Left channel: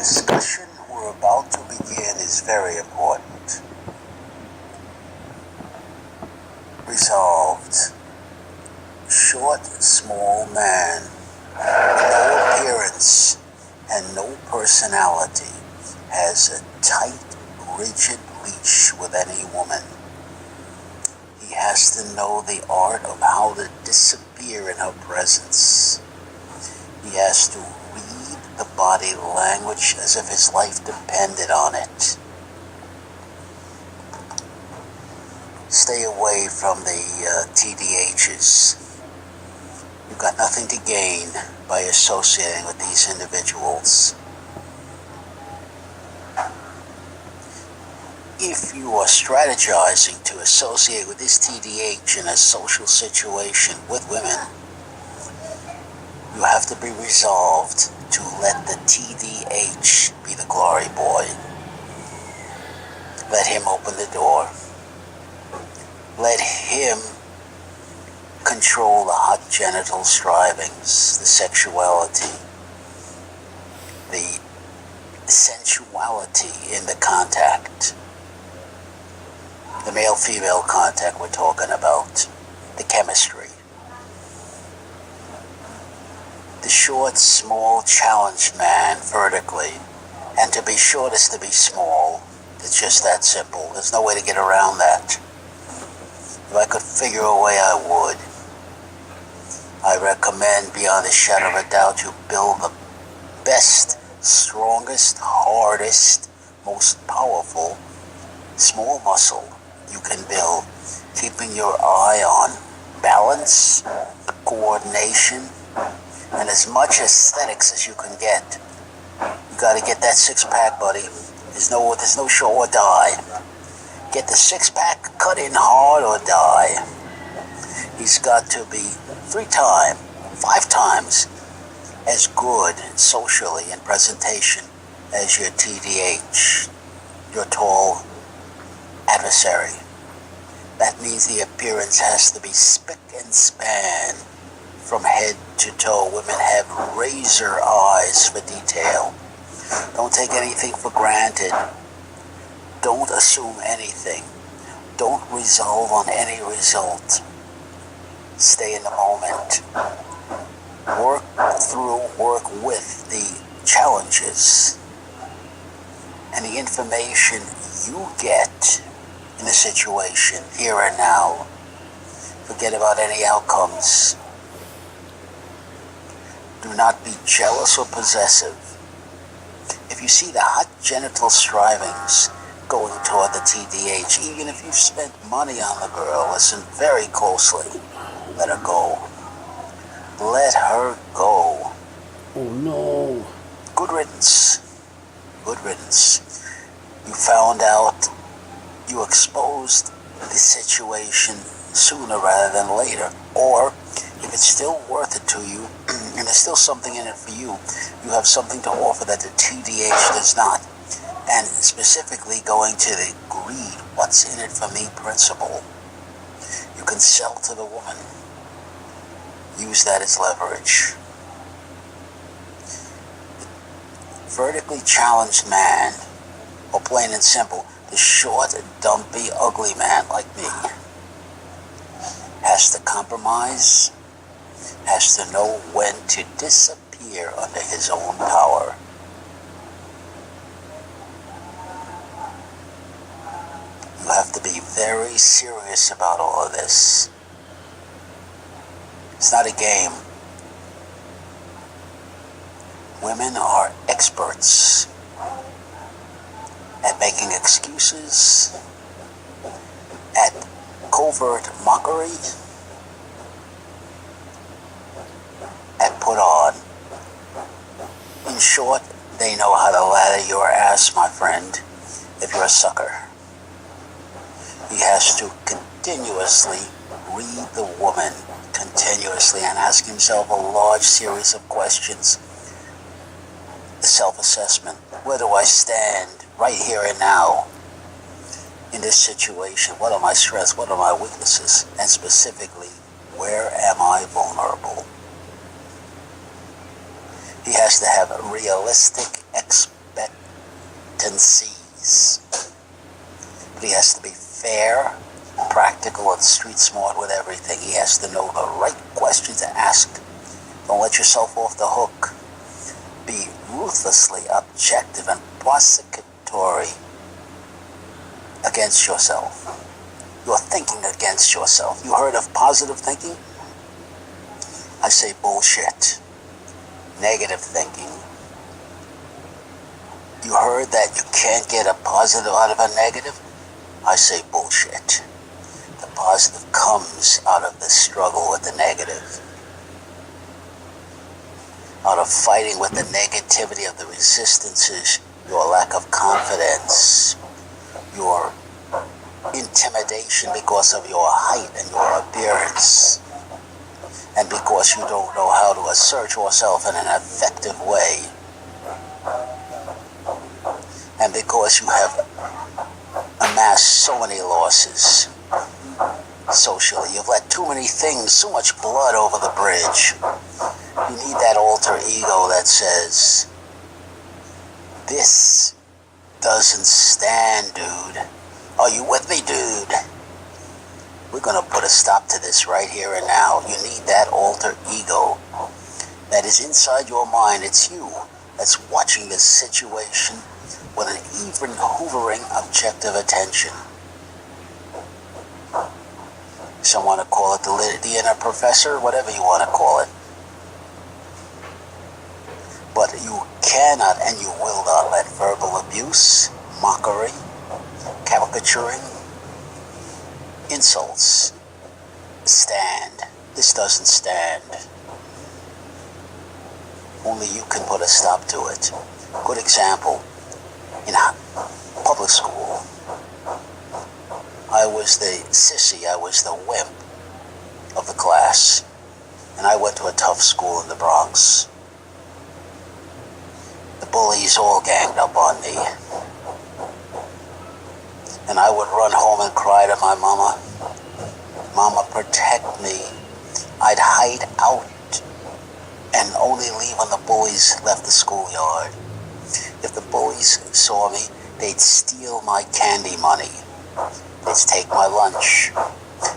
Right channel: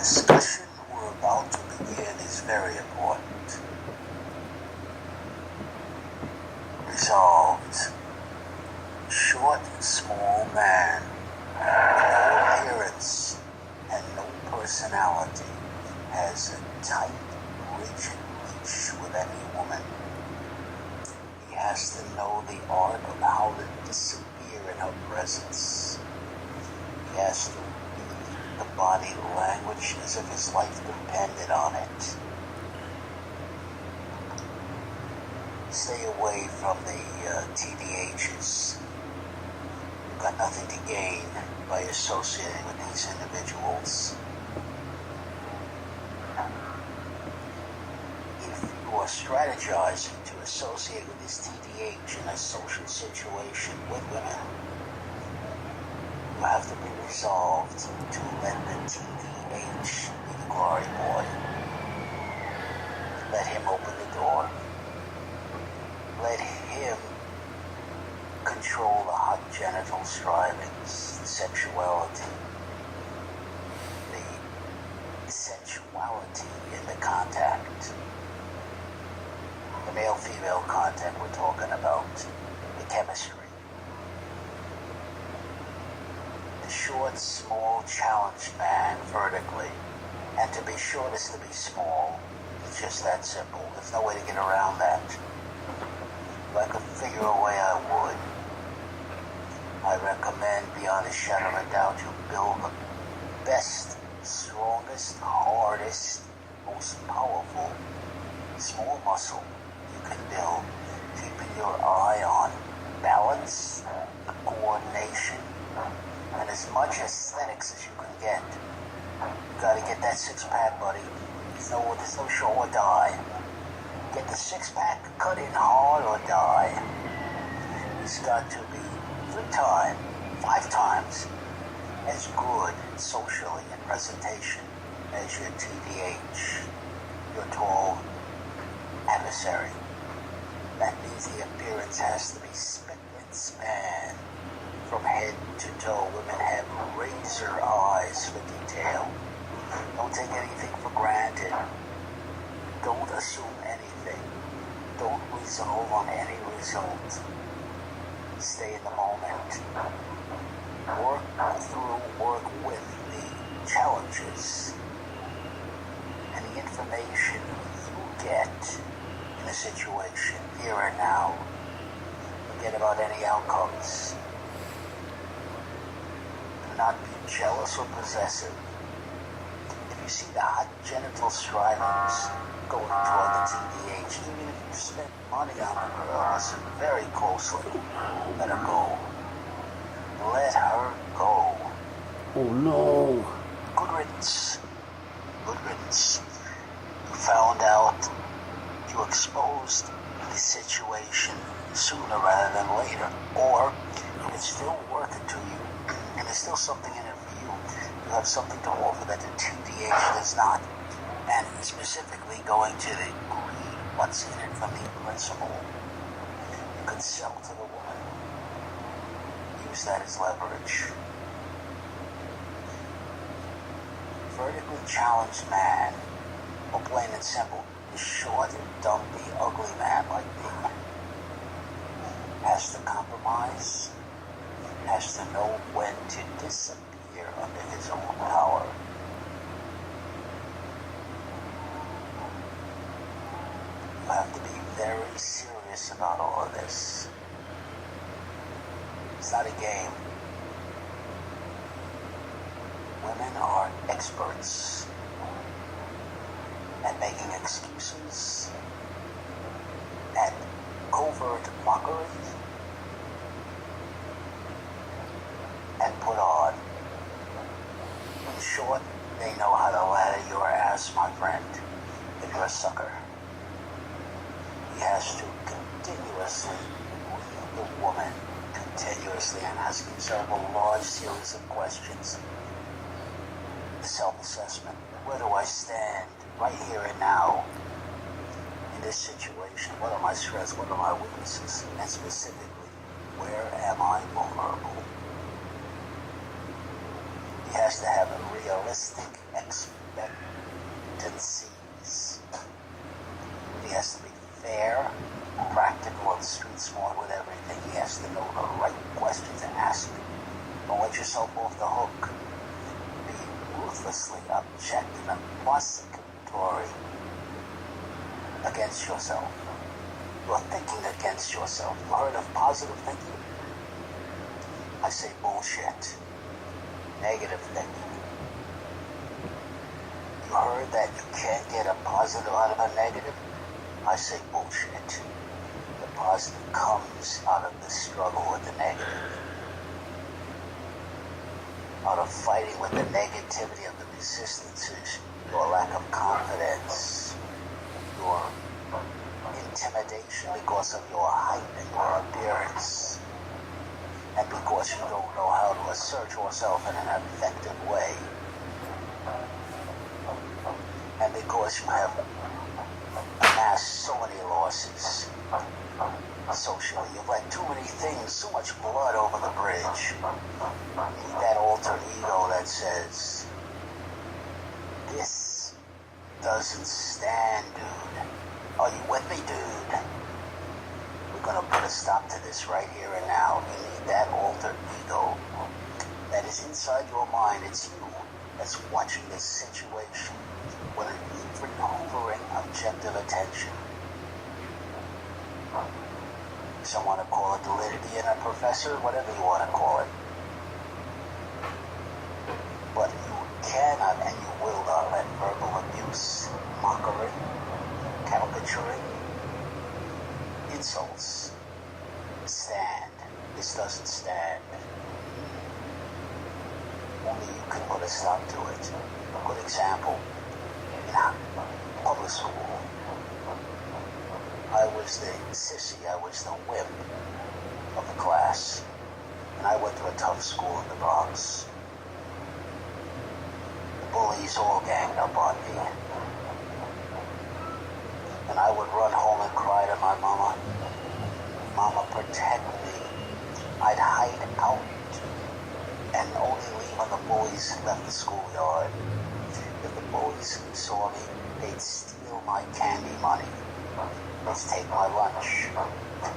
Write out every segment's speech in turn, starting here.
discussion we're about to begin is very important. Resolved. Short, small man, no appearance and no personality, has a tight, rigid leash with any woman. He has to know the art of how to disappear in her presence. He has to read the body language as if his life depended on it. Stay away from the TDHs. You've got nothing to gain by associating with these individuals. If you are strategizing to associate with this TDH in a social situation with women, you have to be resolved to let the TDH be the glory boy. Let him open the door. Let him control the hot genital strivings, the sexuality, the sensuality in the contact, the male-female contact we're talking about, the chemistry. The short, small, challenged man vertically, and to be short is to be small. It's just that simple. There's no way to get around that. If I could figure a way, I would. I recommend, beyond a shadow of a doubt, you build the best, strongest, hardest, most powerful small muscle you can build, keeping your eye on balance, coordination, and as much aesthetics as you can get. You got to get that six-pack, buddy. There's no show or die. Get the six-pack, cut in hard or die. He's got to be 3 times, 5 times as good socially in presentation as your TDH, your tall adversary. That means the appearance has to be spick and span from head to toe. Women have razor eyes for detail. Don't take anything for granted. Don't assume anything. Don't resolve on any result. Stay in the moment. Work through, work with the challenges and the information you get in a situation here and now. Forget about any outcomes. Do not be jealous or possessive. If you see the hot genital strivings going toward the TDH, even if you've spent money on the girl, listen very closely. Let her go. Let her go. Oh no. Good riddance. Good riddance. You found out, you exposed the situation sooner rather than later. Or, if it's still worth it to you, and there's still something in it for you, you have something to offer that the TDH does not. And specifically going to the greed, what's in it for me principle. You can sell to the woman. Use that as leverage. Vertically challenged man, or plain and simple, the short, dumpy, ugly man like me, has to compromise, has to know when to disappear under his own power. You have to be very serious about all of this. It's not a game. Women are experts at making excuses, at covert mockery, at put on. In short, they know how to lather your ass, my friend, if you're a sucker. He has to continuously read the woman, continuously, and ask himself a large series of questions. The self-assessment. Where do I stand right here and now in this situation? What are my strengths? What are my weaknesses? And specifically, where am I vulnerable? He has to have a realistic competencies. But he has to be fair, practical, and street smart with everything. He has to know the right question to ask. Don't let yourself off the hook. Be ruthlessly objective and prosecutory against yourself. You're thinking against yourself. You heard of positive thinking? I say bullshit. Negative thinking. You heard that you can't get a positive out of a negative? I say bullshit. The positive comes out of the struggle with the negative. Out of fighting with the negativity of the resistances, your lack of confidence, your intimidation because of your height and your appearance, and because you don't know how to assert yourself in an effective way, and because you have amassed so many losses socially. You've let too many things, so much blood over the bridge. You need that alter ego that says, this doesn't stand, dude. Are you with me, dude? We're going to put a stop to this right here and now. You need that alter ego that is inside your mind. It's you that's watching this situation with an even hovering objective attention. Some want to call it the inner professor, whatever you want to call it. But you cannot and you will not let verbal abuse, mockery, caricaturing, insults stand. This doesn't stand. Only you can put a stop to it. Good example, in public school, I was the sissy, I was the wimp of the class, and I went to a tough school in the Bronx. The bullies all ganged up on me, and I would run home and cry to my mama, "Mama, protect me." I'd hide out and only leave when the bullies left the schoolyard. If the bullies saw me, they'd steal my candy money. They'd take my lunch.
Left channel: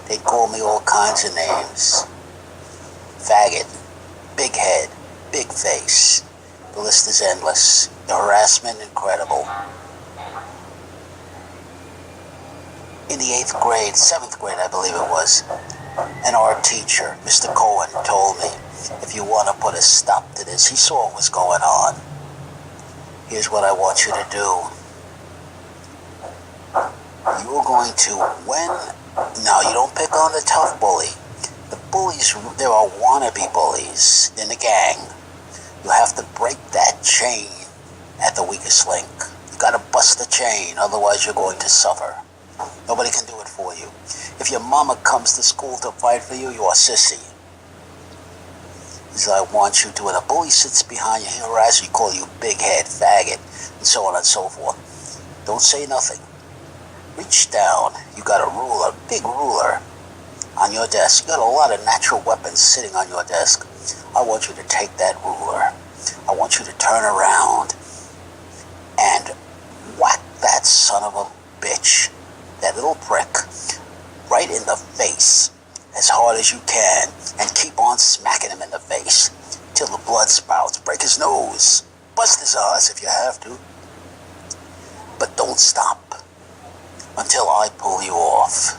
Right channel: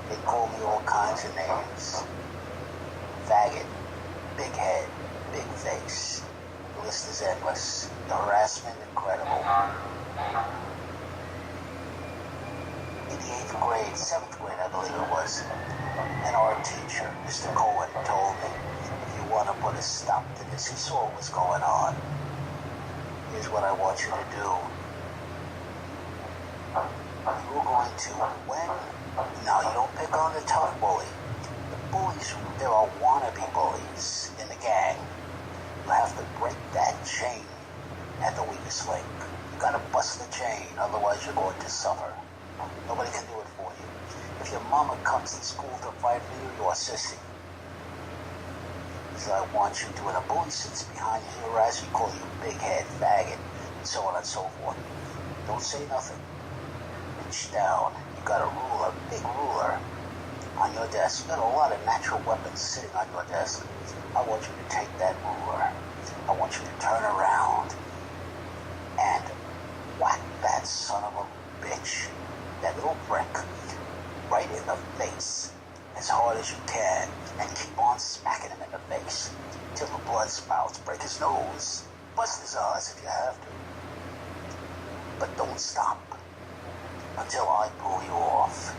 They'd call me all kinds of names. Faggot, big head, big face. The list is endless. The harassment incredible. In the 8th grade, 7th grade I believe it was, an art teacher, Mr. Cohen, told me, if you want to put a stop to this, he saw what was going on. Here's what I want you to do. You're going to, now you don't pick on the tough bully. The bullies, there are wannabe bullies in the gang. You have to break that chain at the weakest link. You got to bust the chain, otherwise you're going to suffer. Nobody can do it for you. If your mama comes to school to fight for you, you're a sissy. He said, I want you to, when a bully sits behind you, he harasses you, call you big head, faggot, and so on and so forth. Don't say nothing. Reach down. You got a ruler, big ruler on your desk. You got a lot of natural weapons sitting on your desk. I want you to take that ruler. I want you to turn around and whack that son of a bitch, that little prick, right in the face as hard as you can, and keep on smacking him in the face till the blood spouts. Break his nose. Bust his eyes if you have to. But don't stop until I pull you off.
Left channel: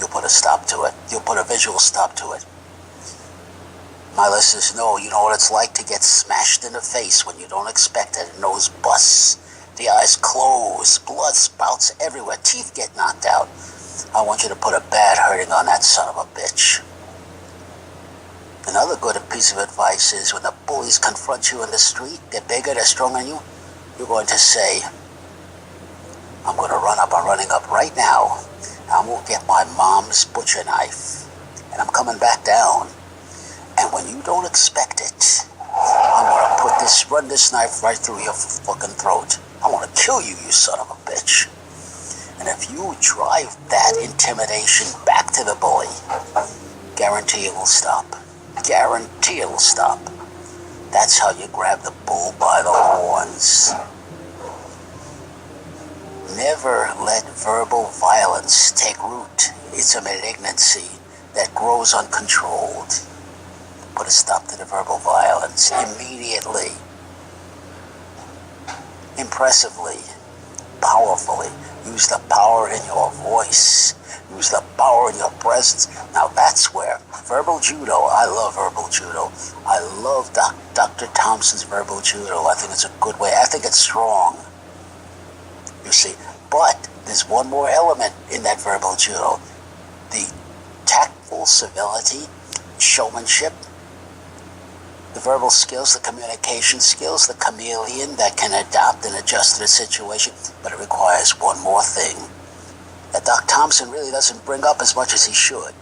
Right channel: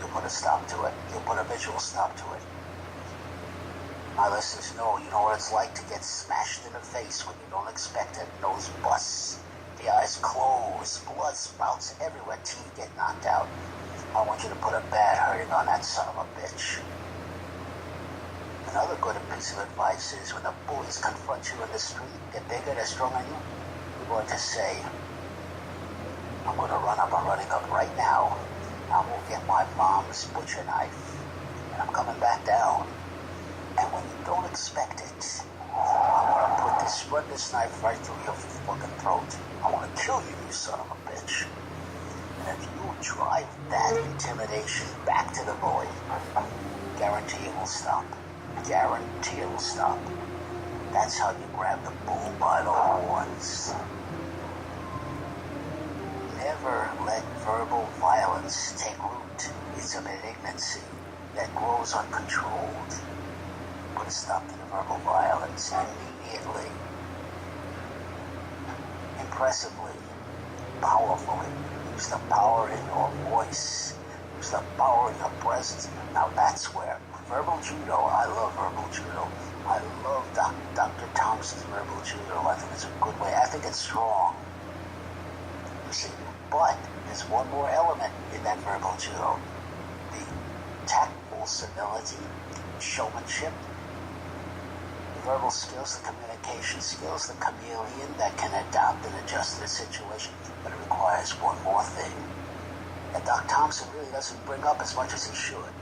You'll put a stop to it. You'll put a visual stop to it. My listeners know, you know what it's like to get smashed in the face when you don't expect it. The nose busts, the eyes close, blood spouts everywhere, teeth get knocked out. I want you to put a bad hurting on that son of a bitch. Another good piece of advice is when the bullies confront you in the street, they're bigger, they're stronger than you, you're going to say, I'm going to I'm running up right now. I'm going to get my mom's butcher knife, and I'm coming back down. And when you don't expect it, I'm going to run this knife right through your fucking throat. I want to kill you, you son of a bitch. And if you drive that intimidation back to the bully, guarantee it will stop. Guarantee it will stop. That's how you grab the bull by the horns. Never let verbal violence take root. It's a malignancy that grows uncontrolled. Put a stop to the verbal violence immediately, impressively, powerfully. Use the power in your voice. Use the power in your presence. Now that's where verbal judo, I love verbal judo. I love Dr. Thompson's verbal judo. I think it's a good way. I think it's strong. You see, but there's one more element in that verbal judo. The tactful civility, showmanship, the verbal skills, the communication skills, the chameleon that can adapt and adjust to the situation, but it requires one more thing that Doc Thompson really doesn't bring up as much as he should.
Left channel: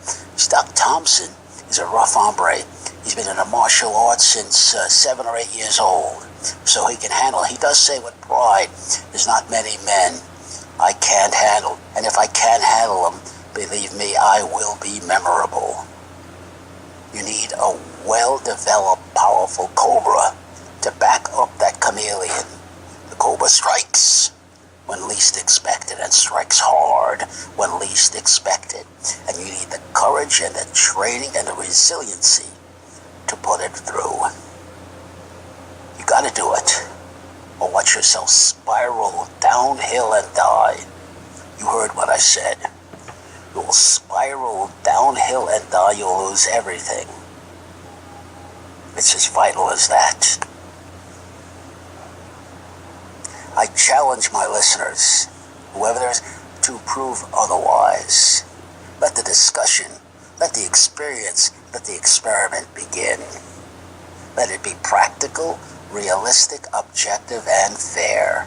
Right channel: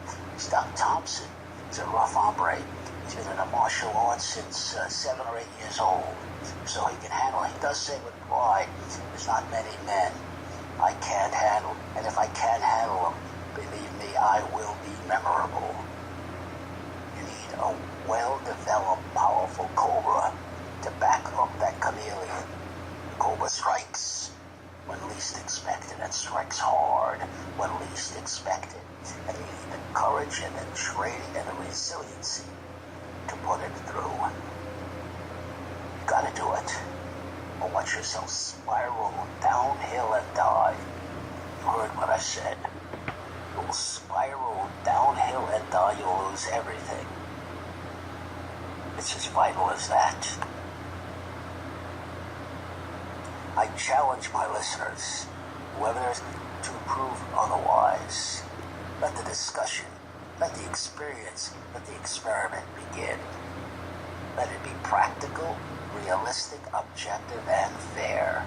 Doc Thompson is a rough hombre. He's been in the martial arts since 7 or 8 years old, so he can handle it. He does say with pride, there's not many men I can't handle, and if I can't handle them, believe me, I will be memorable. You need a well-developed, powerful cobra to back up that chameleon. The cobra strikes when least expected and strikes hard when least expected. And you need the courage and the training and the resiliency to put it through. You gotta do it, or watch yourself spiral downhill and die. You heard what I said. You'll spiral downhill and die. You'll lose everything. It's as vital as that. I challenge my listeners, whoever there is, to prove otherwise. Let the discussion, let the experience, let the experiment begin. Let it be practical, realistic, objective, and fair.